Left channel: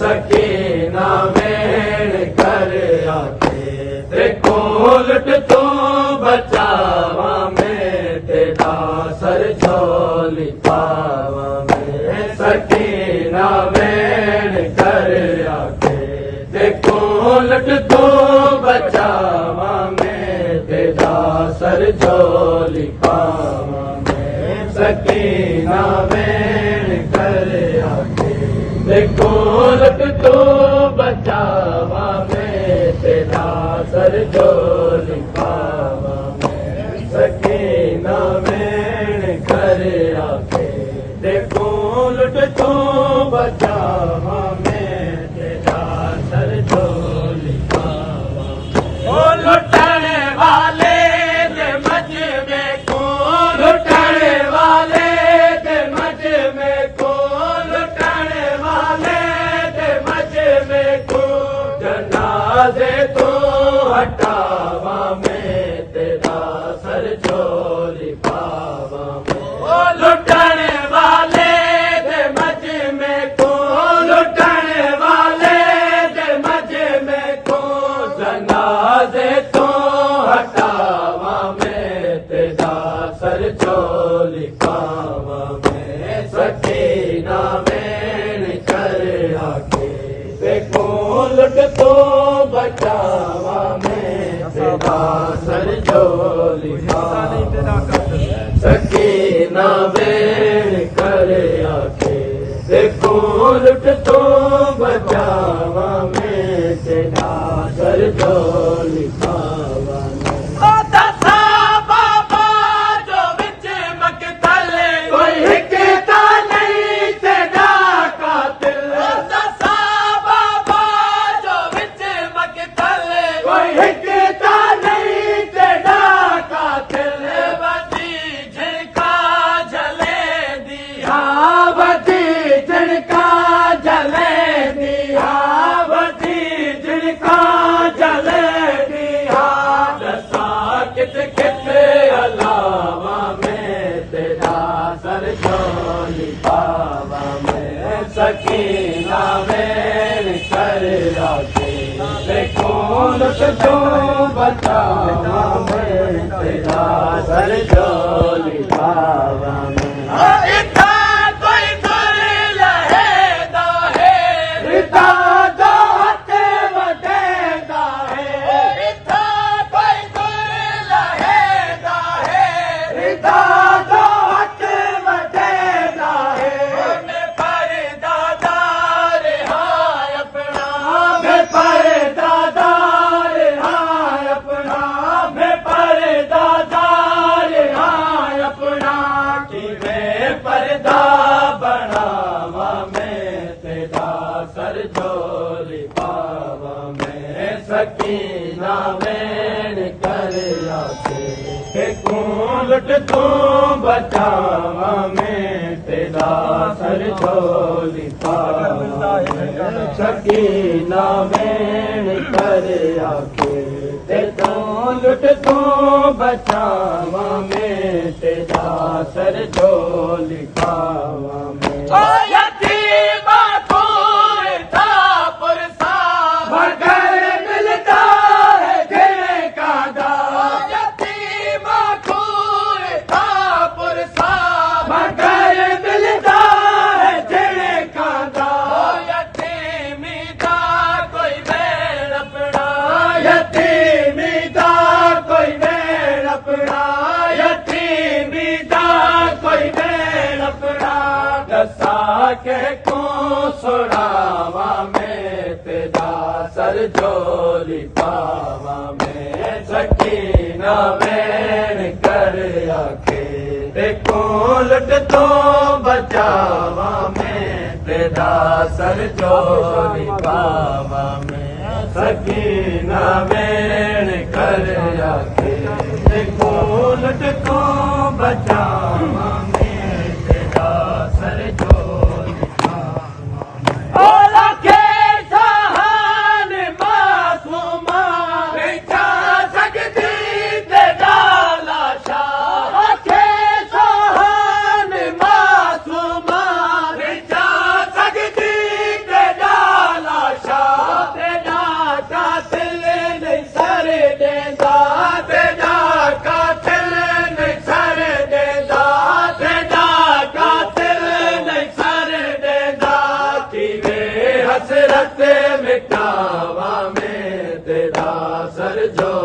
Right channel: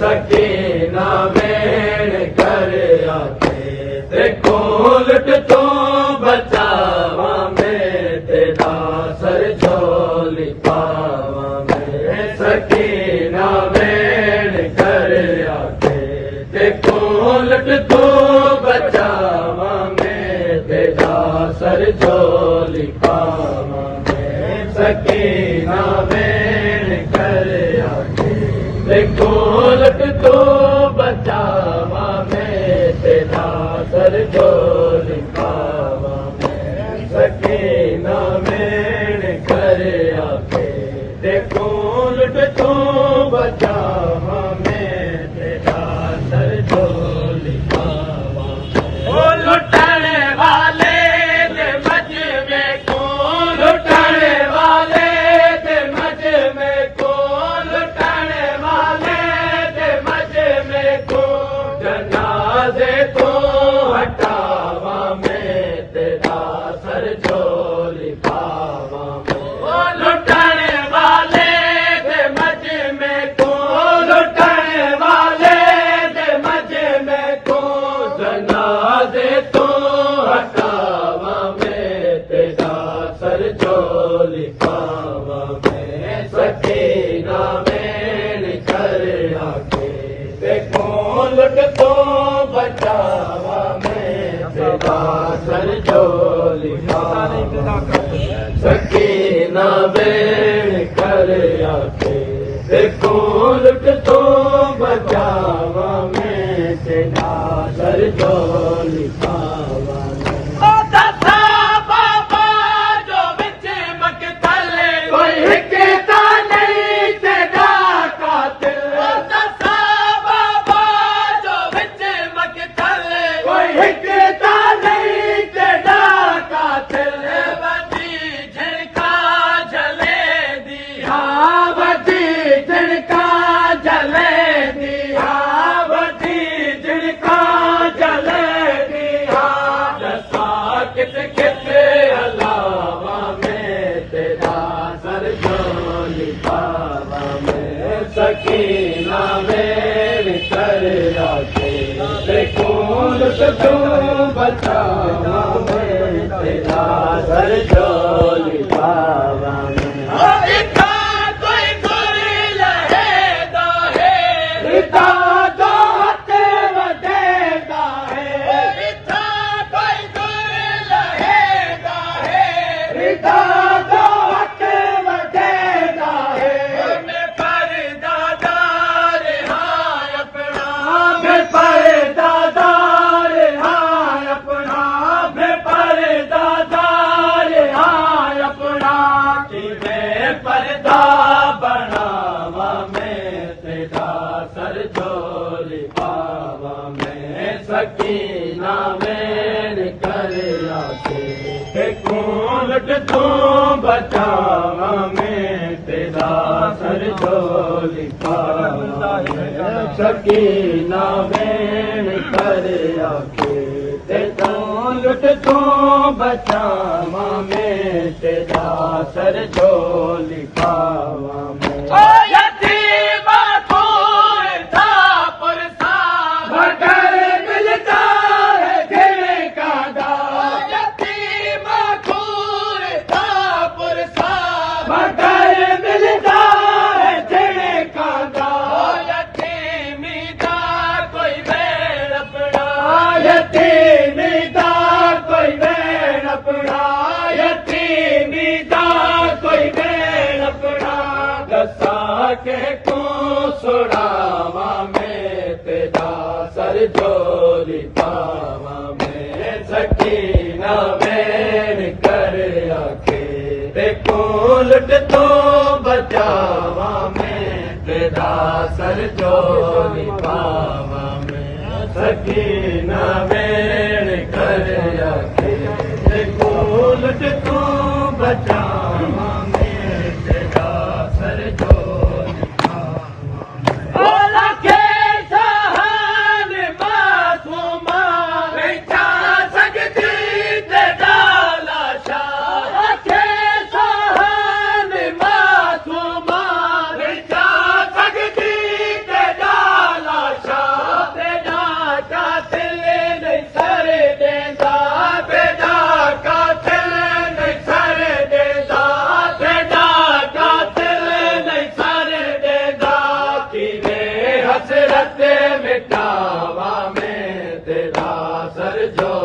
सकीना वेण कर आके देखो लुट तो बचावा में तेरा सर झोली पावा में सकीना वेण कर आके देखो लुट तो बचावा में तेरा सर झोली पावा में सकीना वेण कर आके देखो लट तो बचावा में तेरा सर झोली पावा में सकीना वेण कर आके देखो लट तो बचावा में तेरा सर झोली पावा ओ लुटने वाले दे मज में कौन लुटने वाले दे मज में कौन लुटने वाले दे मज में कौन जनाजे तो हटावा में तेरा सर झोली पावा में ओ लुटने वाले दे मज में कौन लुटने वाले दे मज में कौन जनाजे तो हटावा में तेरा सर झोली पावा में सकीना वेण कर आके देखो लुट तो बचावा में तेरा सर झोली पावा सकीना वेण कर आके देखो लुट तो बचावा में तेरा सर झोली पावा में कोई हिकता नहीं तेरा कातिल दसा बाबा जो विच मकतल कोई हिकता नहीं तेरा कातिल वधी झिड़का जले दिया वधी झिड़का जले दिया वधी झिड़का जले दिया दसा कित कित अलावा में तेरा सर झोली पावा में सकीना वेण कर आके देखो लुट तो बचावा में तेरा सर झोली पावा में कोई गुर लहेदा है इता दात वडेदा है इता कोई गुर लहेदा है इता दात वडेदा है मैं परदादार हाय अपना मैं परदादार हाय अपना मैं परदादार हाय अपना कि मैं पर्दा बनावा में तेरा सर झोली पावा में सकीना वेण कर आके कौन लुट तो बचावा में तेरा सर झोली पावा में सकीना वेण कर आके देखो लुट तो बचावा में तेरा सर झोली पावा में मगर मिलता है देने का दाव यतीम खूर था पुरसा मगर मिलता है देने का दाव यतीमी का कोई वेण अपना यतीमी का कोई वेण अपना यतीमी का कोई वेण अपना दसा के को सुनावा में तेरा सर झोली पावा में सकीना वेण कर आके देखो लुट तो बचावा में तेरा सर झोली पावा में सकीना वेण कर आके देखो लुट तो बचावा में तेरा सर झोली पावा में ओला के सहान मासूमा बेचा सकती तेरा लाशा के सहान मासूमा बेचा सकती तेरा जो